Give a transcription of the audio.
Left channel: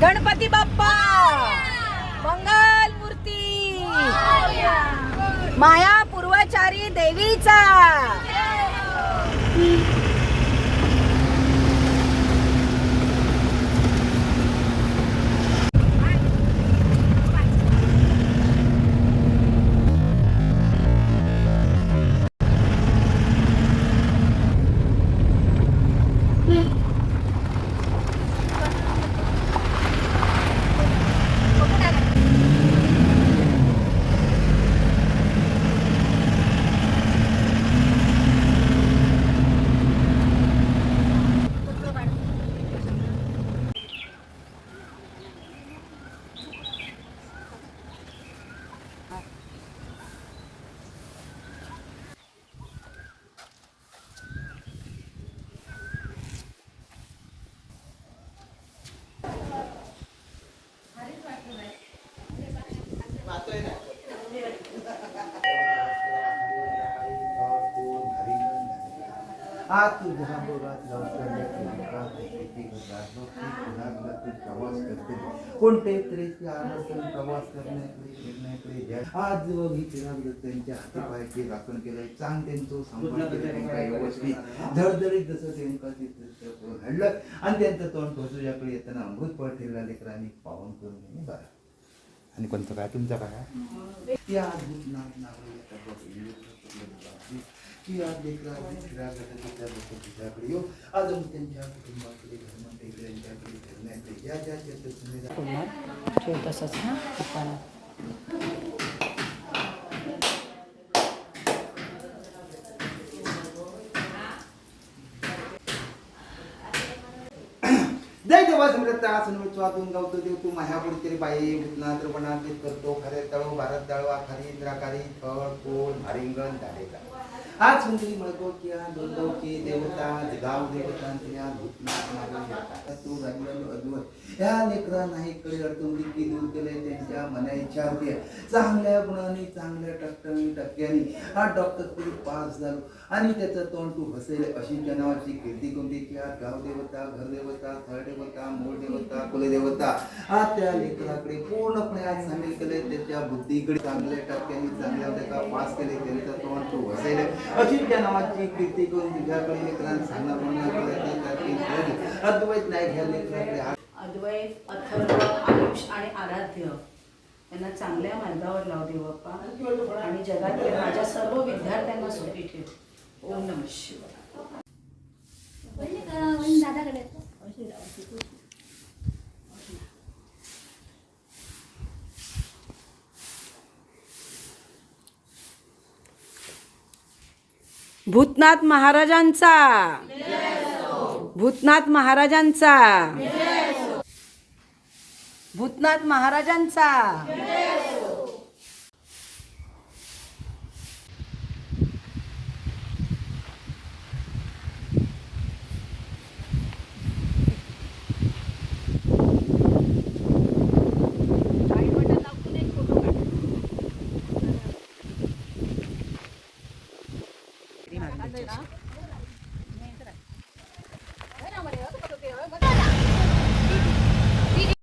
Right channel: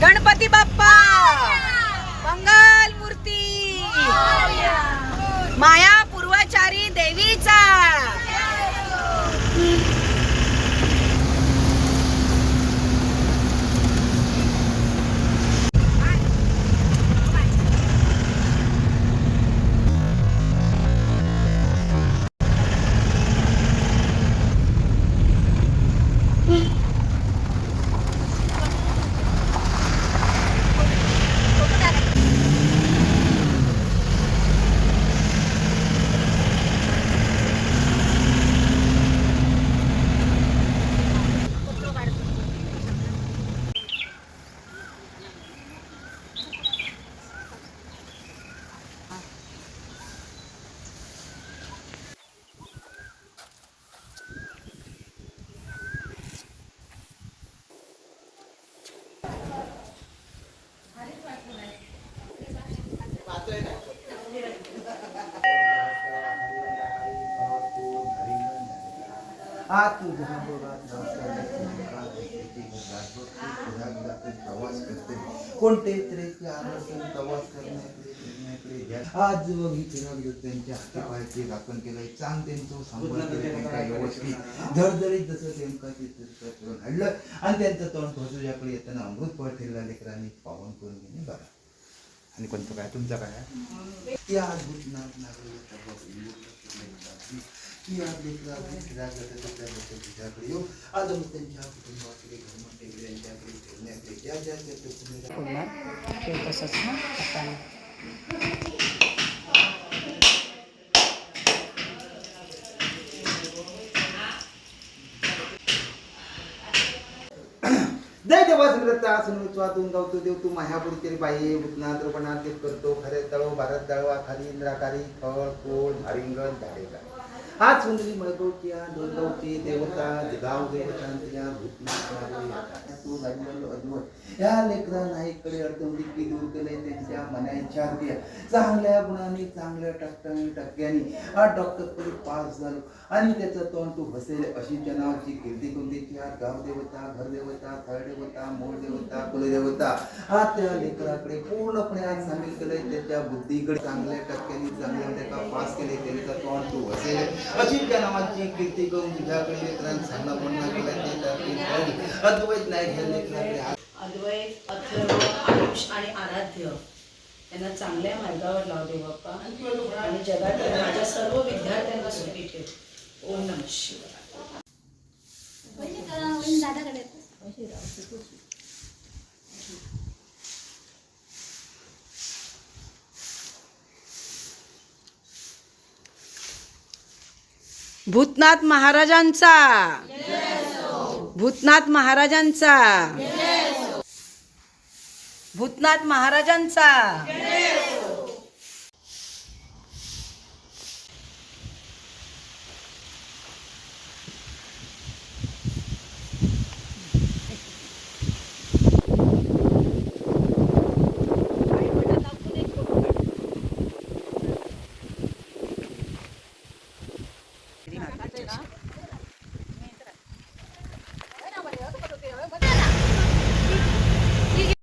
गणपती बाप्पा मंगल मूर्ती माया पूर्वचारी देवीचा कोणते तऱ्हेचे आवर्तन प्रवास करण्याकडे आज व ही चिराग त्यांच्या हातापायाचे राखण केलंय चांग त्यांचं संपर्क व्यवस्थित धडधडीत जसं त्यांचं घडलं आणि त्यांचं तोंड ठोसूच्याकडे येताना अमृत पळ ठेवला लेकरांनी पावन करून घेणे बरं. आणि पण काय तुमचा काय त्या अद्भुत की आज तुझ्याकडे येऊ आज त्यांच्या कुटुंबाकडे घरमातेकडे यांच्याकडे ठेवण्याचे ज्या ज्या तसंच ना जय देवा समृद्धा सुनवित्वातून गावतो देव तू मायापुरकरी बाई भूतनाथ रूपनाथ करतो खरे तळव भारत दळवा खाली इंद्राकारी फळ फूल भारिंगण झाडेगा आज सुंदरी मळगोच्या दोनगावची देवता गाव देवतांच्या भूतनाथ तू लागलेलो अद्भुत या लेकरा नाहीकडे अडचणी दूर केलंय त्यांच्या मनाच्या द्या चांगल्या गुणांनी चांगल्या टक्क्यांनी हा डॉक्टरकडे पास झालो आणि त्याचं तोंड तू हसेल अशी त्या नावाची कीर्ती कोणती की आज गाव देवता घर देवता थळ देवता मूळ देवता कुलदेवता हा त्या लेकराकडे पूर्णपणे आज सामील केलंय त्याच्या बुद्धीकडे चांगल्या टक्क्यांनी चांगल्या पास केले त्याचं तोंड तू हसेल अशी त्या नावाची कीर्ती करून तुझ्याकडे लेकरांना सांगणं म्हणणं अद्वैत नाही घ्या लेकराकडे अद्वैत अथर्व आयुष आणि आराध्य यांना चांगल्या मार्गावर लाव दे बाप्पा आणि जगातील माझ्या सर्व विद्यार्थ्यांना सुखी ठेव. ओम नमः शिवाय. भूतनाथ महाराजांचा भूतनाथ महाराजांचा भूतनाथ महाराजांचा